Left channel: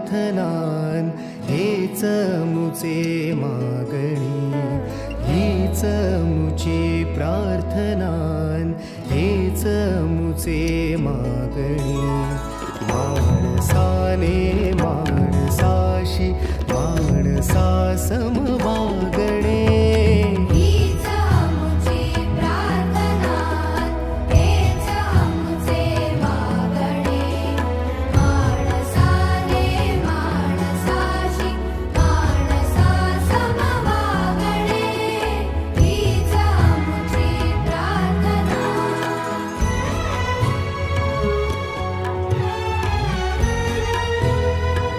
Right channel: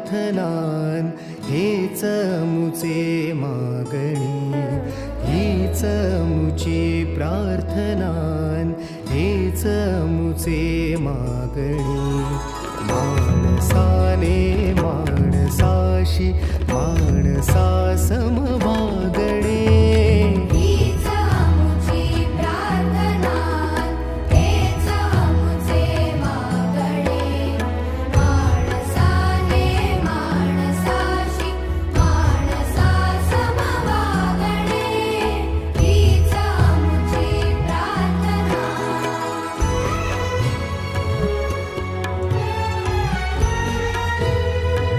प्रार्थनान हेच मुचे मागणी, हीच मुची प्रार्थनान हेच मुचे मागणी. माणसाने माणसाशी माणसासम वागणे,